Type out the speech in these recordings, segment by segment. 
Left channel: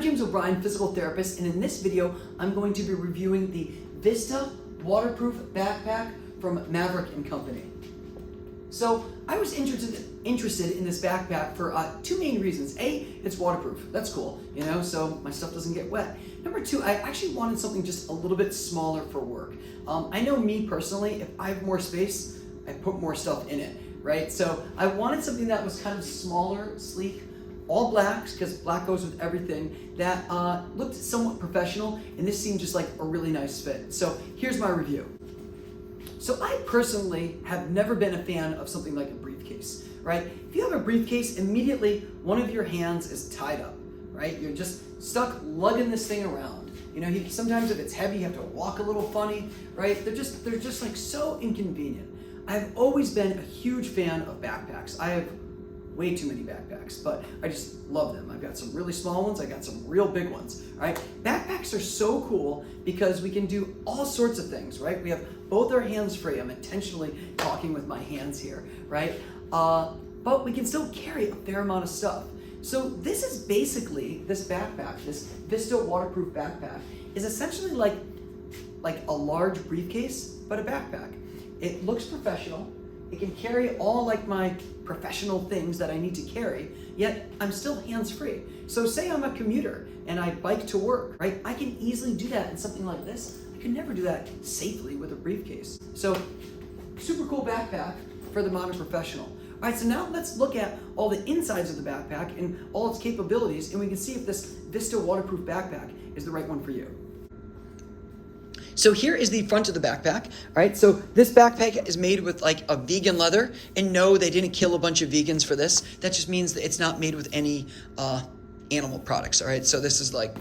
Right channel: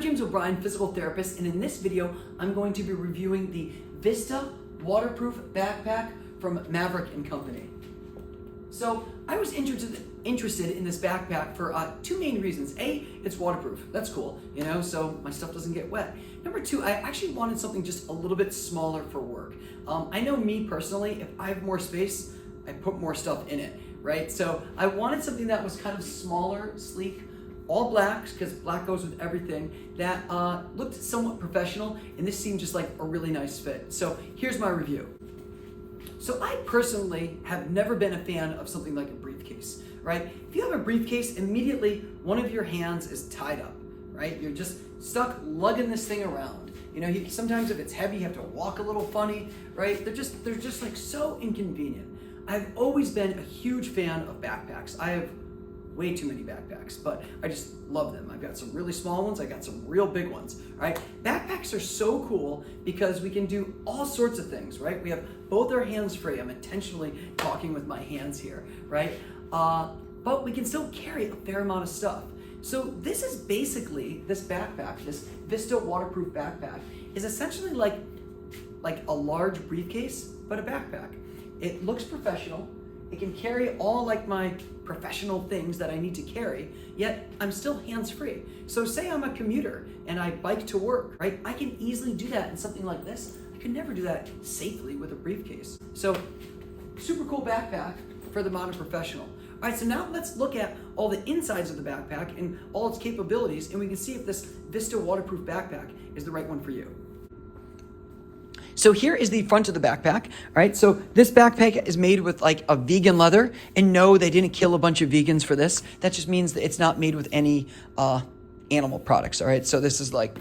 I'm James O'Brien, physical therapist, and in this video, I'm going to be reviewing the Vista waterproof backpack from Maverick and Company. So I was interested in this backpack for two main reasons. A, it's waterproof. That's cool, you know, so my stuff doesn't get wet. Number two, I actually wanted something just a little bit smaller for work. I know me personally, if I have more space, I put more stuff in it, right? So I wanted something that was kind of smaller, sleek, all blacks, because black goes with everything, that looked somewhat professional, and this seemed just like a really nice fit. So here's my review. So I personally have never been a fan of something like a briefcase, right? If you have a briefcase, immediately one of your hands is tied up, right? You're just stuck lugging this thing around. You know, sometimes if it's heavy, you have to walk a little funny, right? They're just like so inconvenient. I've always been a huge fan of backpacks. I have way too many backpacks, but I just love them. I've got some really small ones, I got some real big ones, right? Backpacks are so cool because we can do all sorts of things, right? We have both our hands free. I'm intentionally talking with my hands here, right? But we can still carry a fair amount of stuff. So this is basically, this backpack, this Vista waterproof backpack, is essentially like a large briefcase, but a backpack. It looks professional. It can carry all like my professional things that I need to carry, yet I'm still hands-free. So say I'm a commuter and I bike to work, right? I can easily do that in something like this. I could never do that safely with a briefcase. So super cool backpack for the modern professional. All right, so now let's look at all the insides of the backpack and all its capabilities, and we can see if this Vista waterproof backpack is the right one for you. So here is the front of the backpack, right? So this backpack is made with like a vegan leather, and no, they didn't kill a bunch of vegans for this. That just means that it's not made with any animal products, all right? So this is like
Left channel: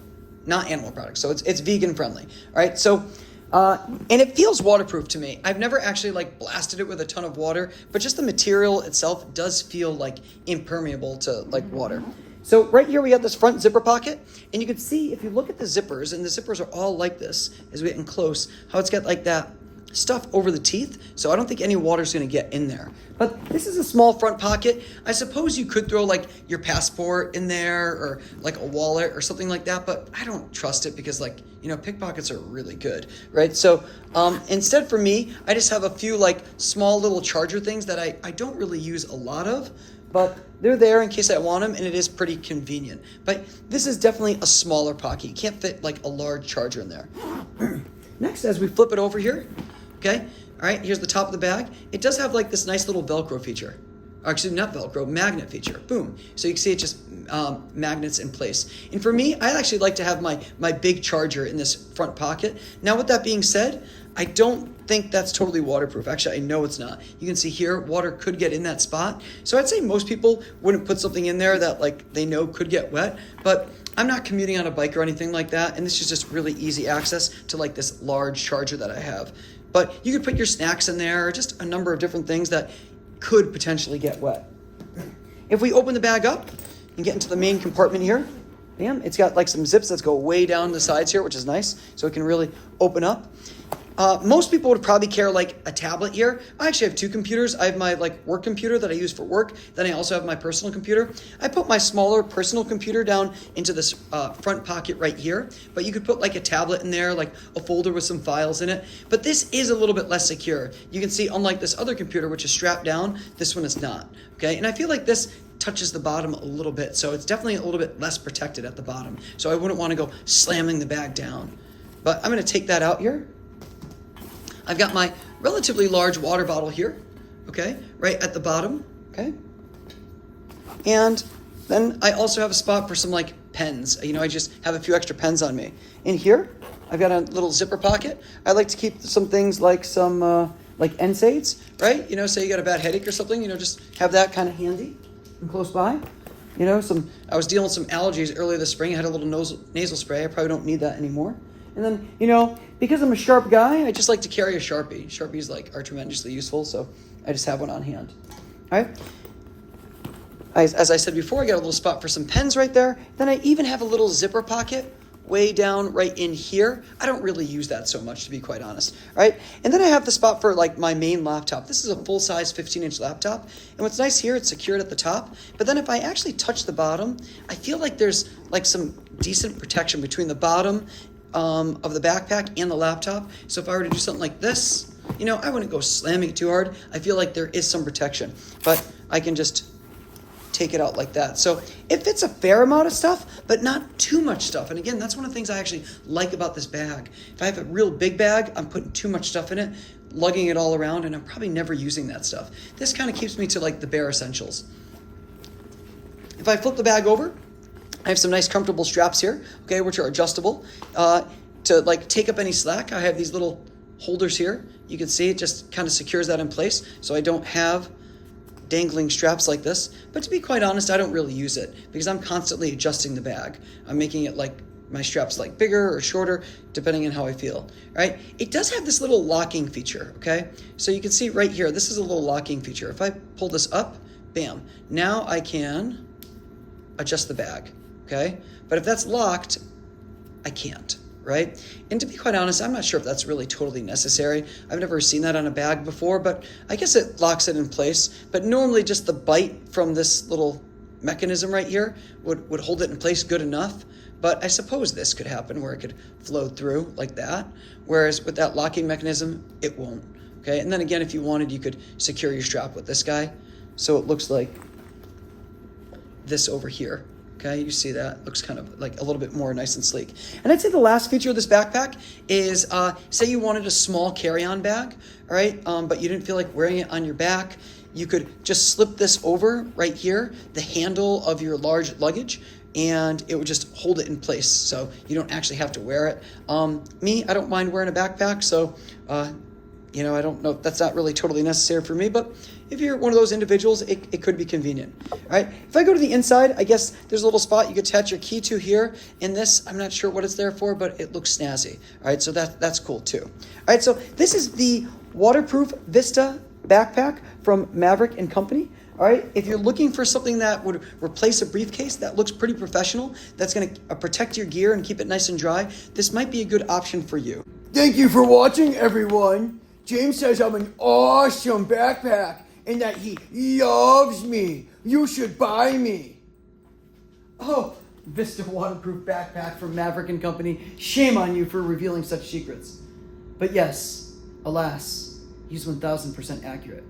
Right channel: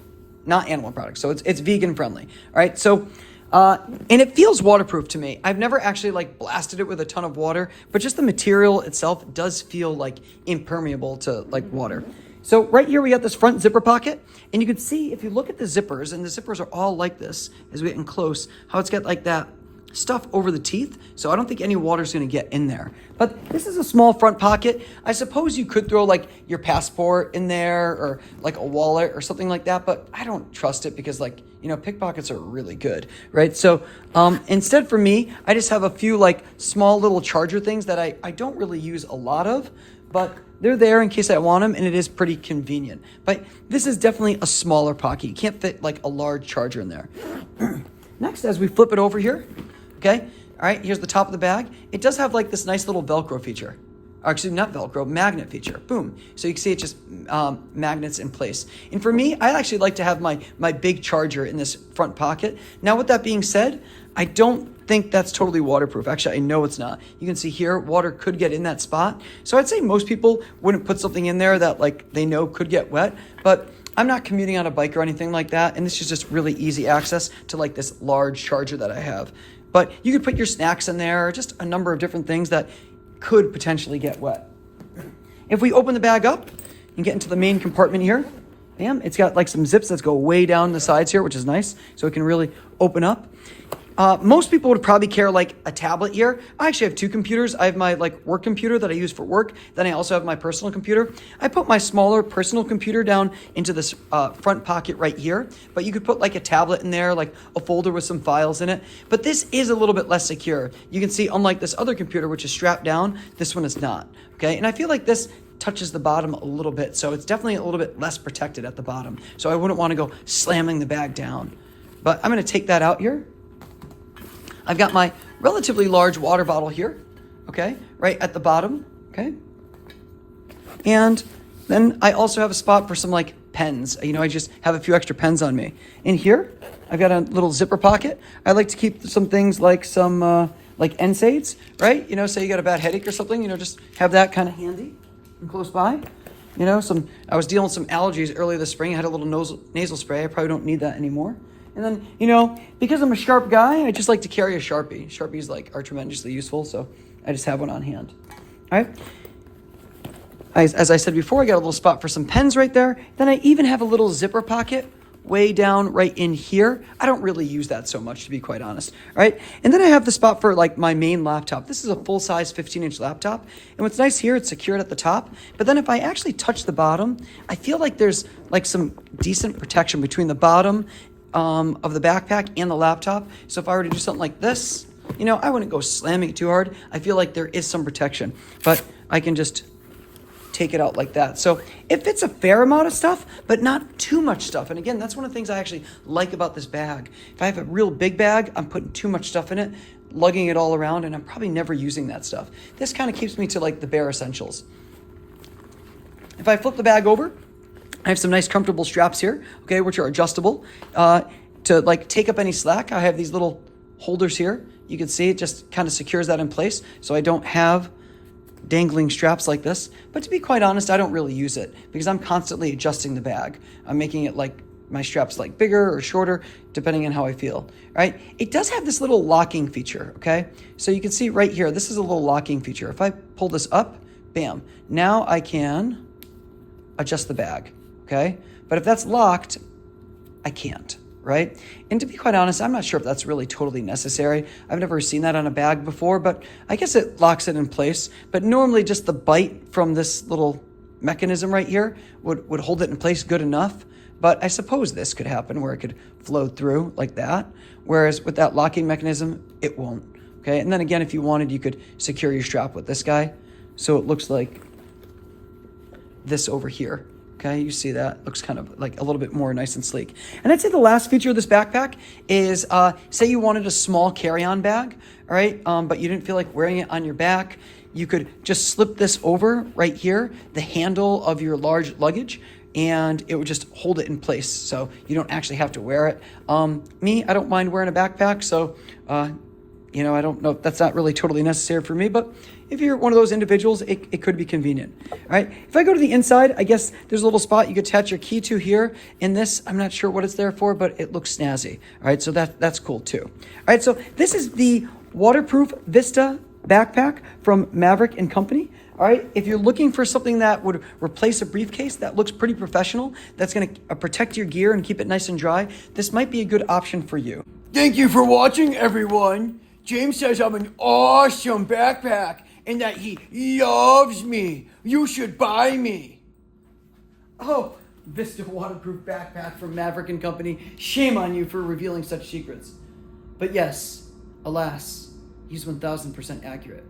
not animal products, so it's vegan friendly, all right? So, and it feels waterproof to me. I've never actually like blasted it with a ton of water, but just the material itself does feel like impermeable to like water. So right here we got this front zipper pocket, and you can see if you look at the zippers, and the zippers are all like this as we get in close, how it's got like that stuff over the teeth, so I don't think any water's gonna get in there. But this is a small front pocket. I suppose you could throw like your passport in there or like a wallet or something like that, but I don't trust it because like, you know, pickpockets are really good, right? So instead for me, I just have a few like small little charger things that I don't really use a lot of, but they're there in case I want them, and it is pretty convenient. But this is definitely a smaller pocket. You can't fit like a large charger in there. Next, as we flip it over here, okay, all right, here's the top of the bag. It does have like this nice little Velcro feature. Actually, not Velcro, magnet feature, boom. So you can see it just magnets in place. And for me, I actually like to have my big charger in this front pocket. Now with that being said, I don't think that's totally waterproof. Actually, I know it's not. You can see here, water could get in that spot. So I'd say most people wouldn't put something in there that like they know could get wet, but I'm not commuting on a bike or anything like that. And this is just really easy access to like this large charger that I have. But you could put your snacks in there, just a number of different things that could potentially get wet. If we open the bag up and get into the main compartment here, bam, it's got like some zips that go way down the sides here, which is nice. So it can really open up. Most people would probably carry like a tablet here. I actually have two computers. I have my like work computer that I use for work. Then I also have my personal computer. I put my smaller personal computer down into this front pocket right here, but you could put like a tablet in there, like a folder with some files in it. But this is a little bit less secure. You can see unlike this other computer, which is strapped down, this one is not, okay? And I feel like this touches the bottom a little bit, so it's definitely a little bit less protected at the bottom. So I wouldn't want to go slamming the bag down. But I'm gonna take that out here. I've got my relatively large water bottle here, okay, right at the bottom, okay? And then I also have a spot for some like pens. You know, I just have a few extra pens on me. In here, I've got a little zipper pocket. I like to keep some things like some like NSAIDs, right? You know, say you got a bad headache or something, you know, just have that kind of handy and close by. You know, I was dealing with some allergies earlier this spring. I had a little nasal spray. I probably don't need that anymore. And then, you know, because I'm a sharp guy, I just like to carry a Sharpie. Sharpies are tremendously useful, so I just have one on hand. All right. As I said before, I got a little spot for some pens right there. Then I even have a little zipper pocket way down right in here. I don't really use that so much, to be quite honest, right? And then I have the spot for like my main laptop. This is a full-size 15-inch laptop. And what's nice here, it's secured at the top. But then if I actually touch the bottom, I feel like there's like some decent protection between the bottom of the backpack and the laptop. So if I were to do something like this, you know, I wouldn't go slamming it too hard. I feel like there is some protection, but I can just take it out like that. So it fits a fair amount of stuff, but not too much stuff. And again, that's one of the things I actually like about this bag. If I have a real big bag, I'm putting too much stuff in it, lugging it all around, and I'm probably never using that stuff. This kind of keeps me to like the bare essentials. If I flip the bag over, I have some nice comfortable straps here, okay, which are adjustable. To like take up any slack, I have these little holders here. You can see it just kind of secures that in place, so I don't have dangling straps like this. But to be quite honest, I don't really use it because I'm constantly adjusting the bag. I'm making it like my straps like bigger or shorter depending on how I feel, right? It does have this little locking feature, okay? So you can see right here, this is a little locking feature. If I pull this up, bam, now I can adjust the bag, okay? But if that's locked, I can't, right? And to be quite honest, I'm not sure if that's really totally necessary. I've never seen that on a bag before, but I guess it locks it in place. But normally just the bite from this little mechanism right here would hold it in place good enough. But I suppose this could happen where it could float through like that. Whereas with that locking mechanism, it won't, okay? And then again, if you wanted, you could secure your strap with this guy. So it looks like this over here. Okay, you see that? Looks kind of like a little bit more nice and sleek. And I'd say the last feature of this backpack is, say you wanted a small carry-on bag, all right? But you didn't feel like wearing it on your back. You could just slip this over right here, the handle of your large luggage, and it would just hold it in place. So you don't actually have to wear it. Me, I don't mind wearing a backpack, so you know, I don't know if that's not really totally necessary for me, but if you're one of those individuals, it could be convenient, all right? If I go to the inside, I guess there's a little spot you could attach your key to here. In this, I'm not sure what it's there for, but it looks snazzy, all right? So that's cool too. All right, so this is the waterproof Vista backpack from Maverick and Company. All right, if you're looking for something that would replace a briefcase that looks pretty professional, that's gonna protect your gear and keep it nice and dry, this might be a good option for you. Thank you for watching, everyone. James says I'm an awesome backpack and that he loves me. You should buy me. Oh, Vista waterproof backpack from Maverick and Company. Shame on you for revealing such secrets. But yes, alas, he's 1000% accurate.